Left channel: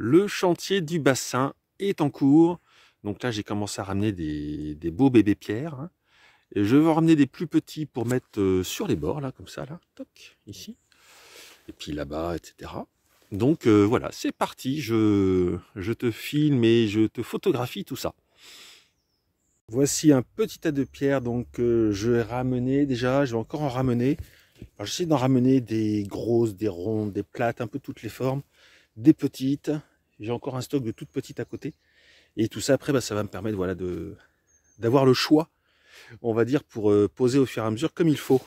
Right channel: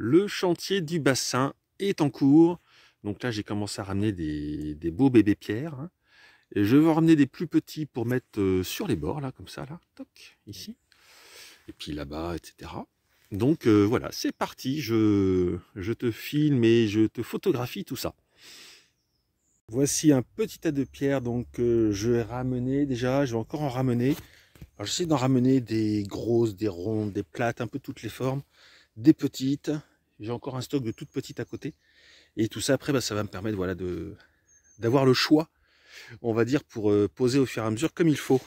Le chantier du bassin est en cours. Donc là, j'ai commencé à ramener des beaux bébés pierres, hein. Et je vais en ramener des plus petits pour mettre sur les bords, là, comme ça, là, toc, ici. Et puis là-bas, etc. Donc voilà, c'est parti. Je te filme et je te photographie tout ça. Voici un petit tas de pierres, donc je vais ramener déjà, je vais encore en ramener. Alors j'essaie d'en ramener des grosses, des rondes, des plates, un peu toutes les formes, des petites. J'ai encore un stock de toutes petites à côté. Et tout ça, après, bah, ça va me permettre voilà, d'avoir le choix, on va dire, pour poser au fur et à mesure comme il faut.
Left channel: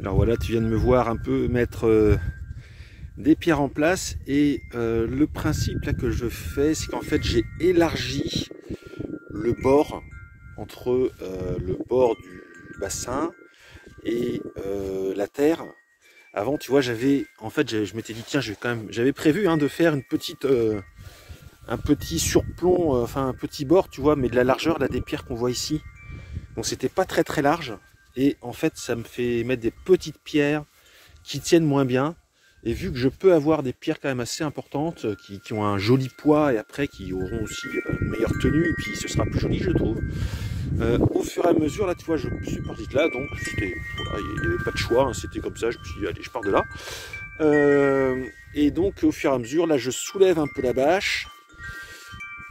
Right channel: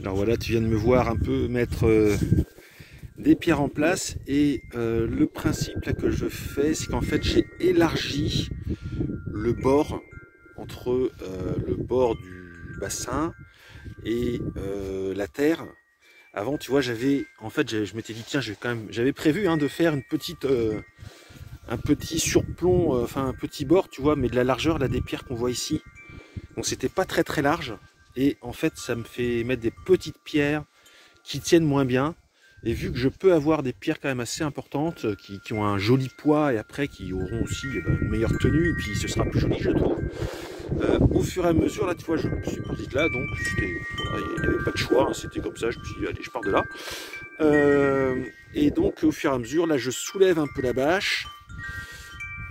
Alors voilà, tu viens de me voir un peu mettre des pierres en place, et le principe là que je fais, c'est qu'en fait j'ai élargi le bord entre le bord du bassin et la terre. Avant, tu vois, je m'étais dit tiens, j'avais prévu de faire une petite un petit surplomb, enfin un petit bord, tu vois, mais de la largeur là des pierres qu'on voit ici. Donc c'était pas très très large, et en fait ça me fait mettre des petites pierres qui tiennent moins bien. Et vu que je peux avoir des pierres quand même assez importantes, qui ont un joli poids, et après qui auront aussi une meilleure tenue, et puis ce sera plus joli, je trouve. Au fur et à mesure, là tu vois, je me suis parti de là, donc voilà, il n'y avait pas de choix, hein, c'était comme ça, je me suis dit allez, je pars de là. Et donc au fur et à mesure, là je soulève un peu la bâche.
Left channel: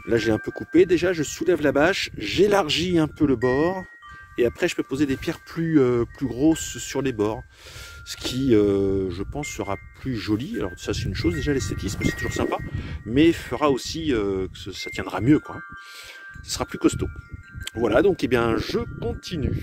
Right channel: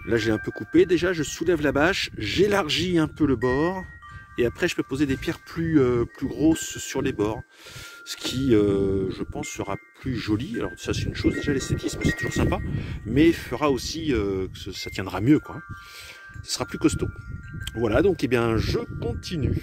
Là j'ai un peu coupé déjà, je soulève la bâche, j'élargis un peu le bord, et après je peux poser des pierres plus grosses sur les bords, ce qui je pense sera plus joli. Alors ça c'est une chose, déjà l'esthétisme c'est toujours sympa, mais fera aussi que ça tiendra mieux, quoi. Ce sera plus costaud. Voilà, donc eh bien je continue.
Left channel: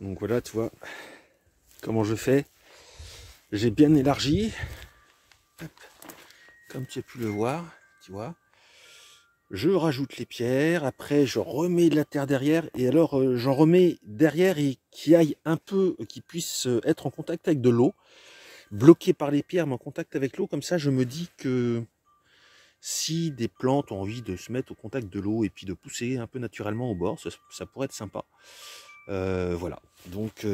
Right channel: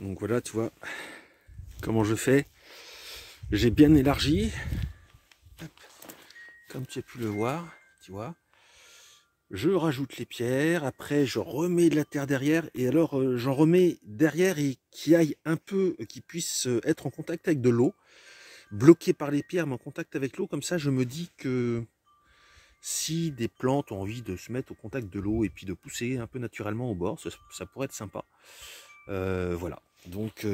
Donc voilà, tu vois comment je fais. J'ai bien élargi. Hop. Comme tu as pu le voir, tu vois. Je rajoute les pierres, après je remets de la terre derrière, et alors j'en remets derrière et qui aille un peu, qui puisse être en contact avec de l'eau, bloqué par les pierres mais en contact avec l'eau, comme ça je me dis que si des plantes ont envie de se mettre au contact de l'eau et puis de pousser un peu naturellement au bord, ça pourrait être sympa. Voilà, donc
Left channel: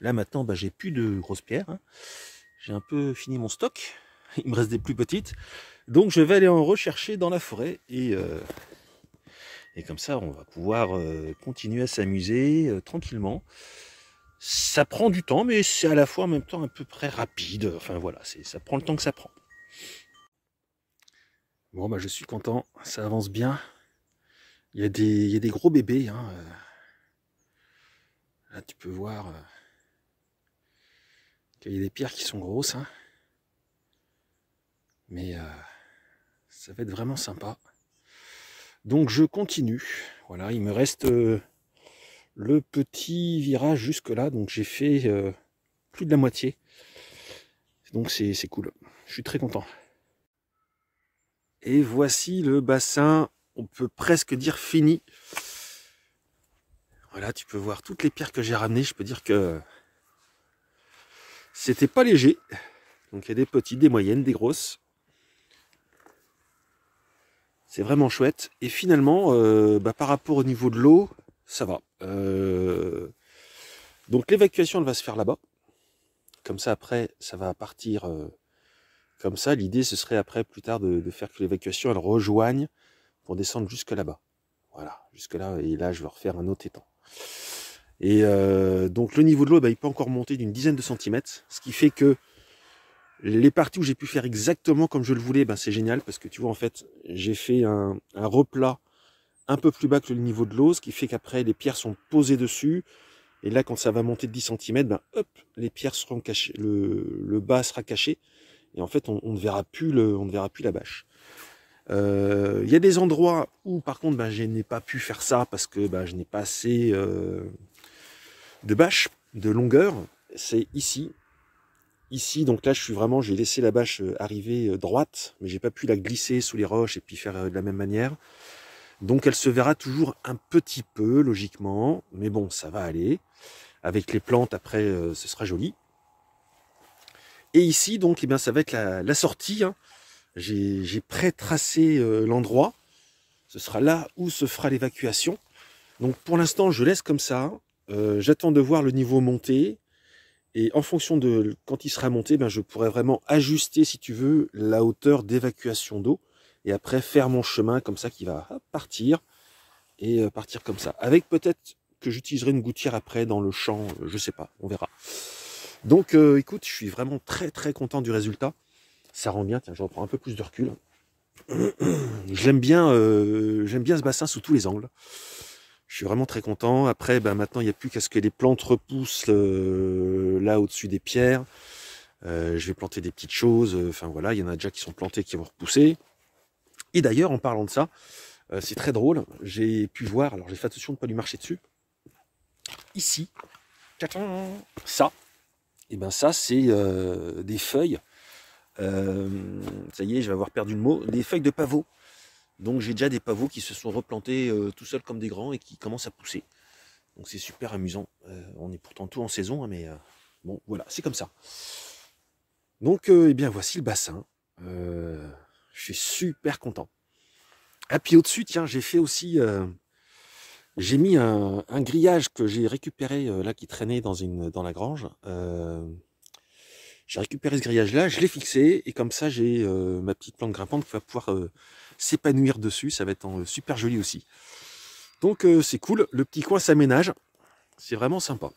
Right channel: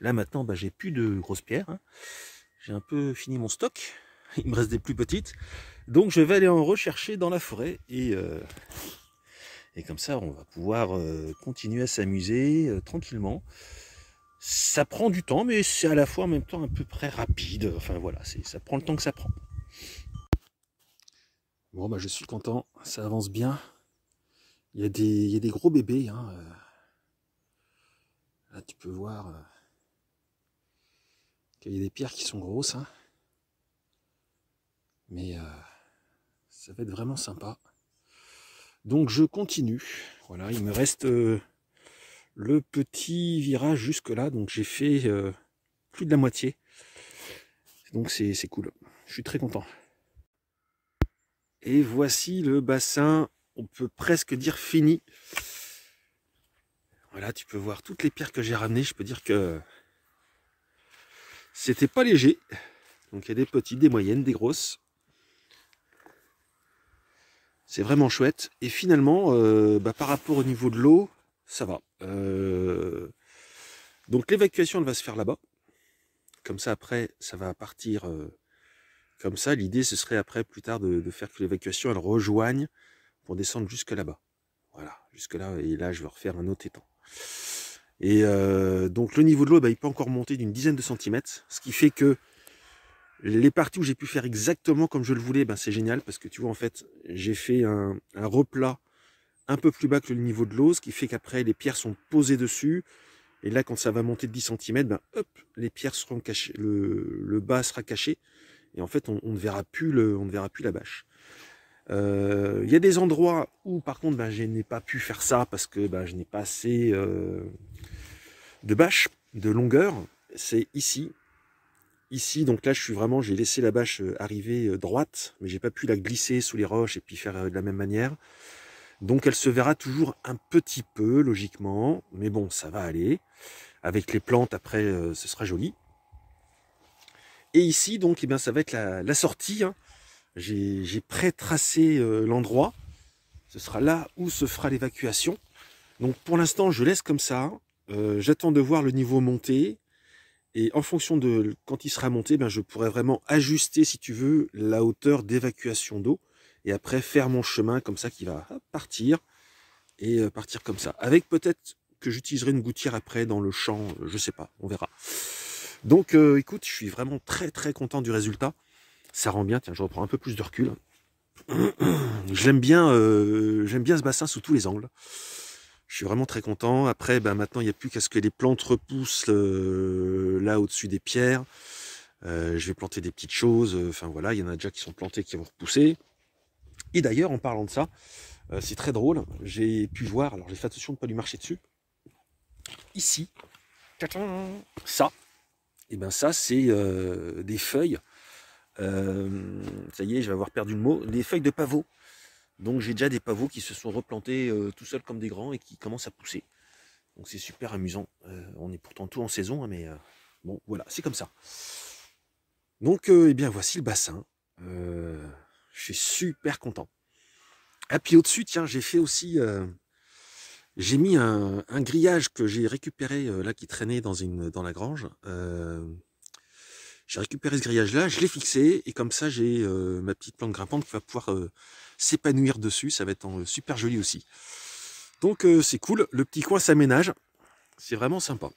là maintenant j'ai plus de grosses pierres, hein. J'ai un peu fini mon stock, il me reste des plus petites. Donc je vais aller en rechercher dans la forêt et comme ça on va pouvoir continuer à s'amuser tranquillement. Ça prend du temps mais c'est à la fois en même temps à peu près rapide. Enfin voilà, ça prend le temps que ça prend. Bon je suis content, ça avance bien. Il y a des gros bébés, hein. Là tu peux voir qu'il y a des pierres qui sont grosses, hein. Mais ça va être vraiment sympa. Donc je continue. Voilà, il me reste le petit virage jusque là, donc j'ai fait plus de la moitié. Donc c'est cool. Je suis très content. Et voici le bassin, on peut presque dire fini. Voilà, tu peux voir toutes les pierres que j'ai ramenées. Je peux dire que c'était pas léger. Donc il y a des petites, des moyennes, des grosses. C'est vraiment chouette. Et finalement, par rapport au niveau de l'eau, ça va. Donc l'évacuation, elle va se faire là-bas. Comme ça, après, ça va partir comme ça. L'idée, ce serait après, plus tard, de faire que l'évacuation, elle rejoigne pour descendre jusque là-bas. Voilà, jusque là. Et là, je vais refaire un autre étang. Et donc le niveau de l'eau, il peut encore monter d'une dizaine de centimètres. Ce qui fait que les parties où j'ai pu faire exactement comme je le voulais, c'est génial. Parce que tu vois, en fait, j'ai fait un replat un peu plus bas que le niveau de l'eau. Ce qui fait qu'après, les pierres sont posées dessus. Et là, quand ça va monter de 10 cm, hop, les pierres seront cachées, le bas sera caché. Et en fait, on ne verra plus la bâche. Il y a des endroits où, par contre, je n'ai pas pu faire ça parce que je n'ai pas assez de bâche, de longueur. C'est ici. Ici, donc là, j'ai laissé la bâche arriver droite, mais j'ai pas pu la glisser sous les roches et puis faire de la même manière. Donc, elle se verra toujours un petit peu, logiquement. Mais bon, ça va aller. Avec les plantes, après, ce sera joli. Et ici, donc, ça va être la sortie, hein. J'ai pré-tracé l'endroit. Ce sera là où se fera l'évacuation. Donc, pour l'instant, je laisse comme ça. J'attends de voir le niveau monter. Et en fonction de quand il sera monté, je pourrai vraiment ajuster, si tu veux, la hauteur d'évacuation d'eau. Et après, faire mon chemin comme ça qui va partir. Et partir comme ça. Avec peut-être que j'utiliserai une gouttière après dans le champ. Je sais pas, on verra. Donc écoute, je suis vraiment très très content du résultat. Ça rend bien, tiens, je reprends un peu plus de recul. J'aime bien ce bassin sous tous les angles. Je suis vraiment très content. Après, maintenant, il n'y a plus qu'à ce que les plantes repoussent là au-dessus des pierres. Je vais planter des petites choses. Enfin voilà, il y en a déjà qui sont plantées, qui vont repousser. Et d'ailleurs, en parlant de ça, c'est très drôle. J'ai pu voir, alors j'ai fait attention de ne pas lui marcher dessus. Ici, ça, et ça c'est des feuilles. Ça y est, je vais avoir perdu le mot. Des feuilles de pavot. Donc j'ai déjà des pavots qui se sont replantés tout seuls comme des grands et qui commencent à pousser. Donc c'est super amusant. On est pourtant tout en saison, hein, mais bon, voilà, c'est comme ça. Donc, voici le bassin. Je suis super content. Et puis au-dessus, tiens, j'ai fait aussi... j'ai mis un grillage que j'ai récupéré là qui traînait dans la grange. Je J'ai récupéré ce grillage-là, je l'ai fixé, et comme ça, j'ai ma petite plante grimpante qui va pouvoir s'épanouir dessus. Ça va être super joli aussi. Donc c'est cool, le petit coin s'aménage. C'est vraiment sympa.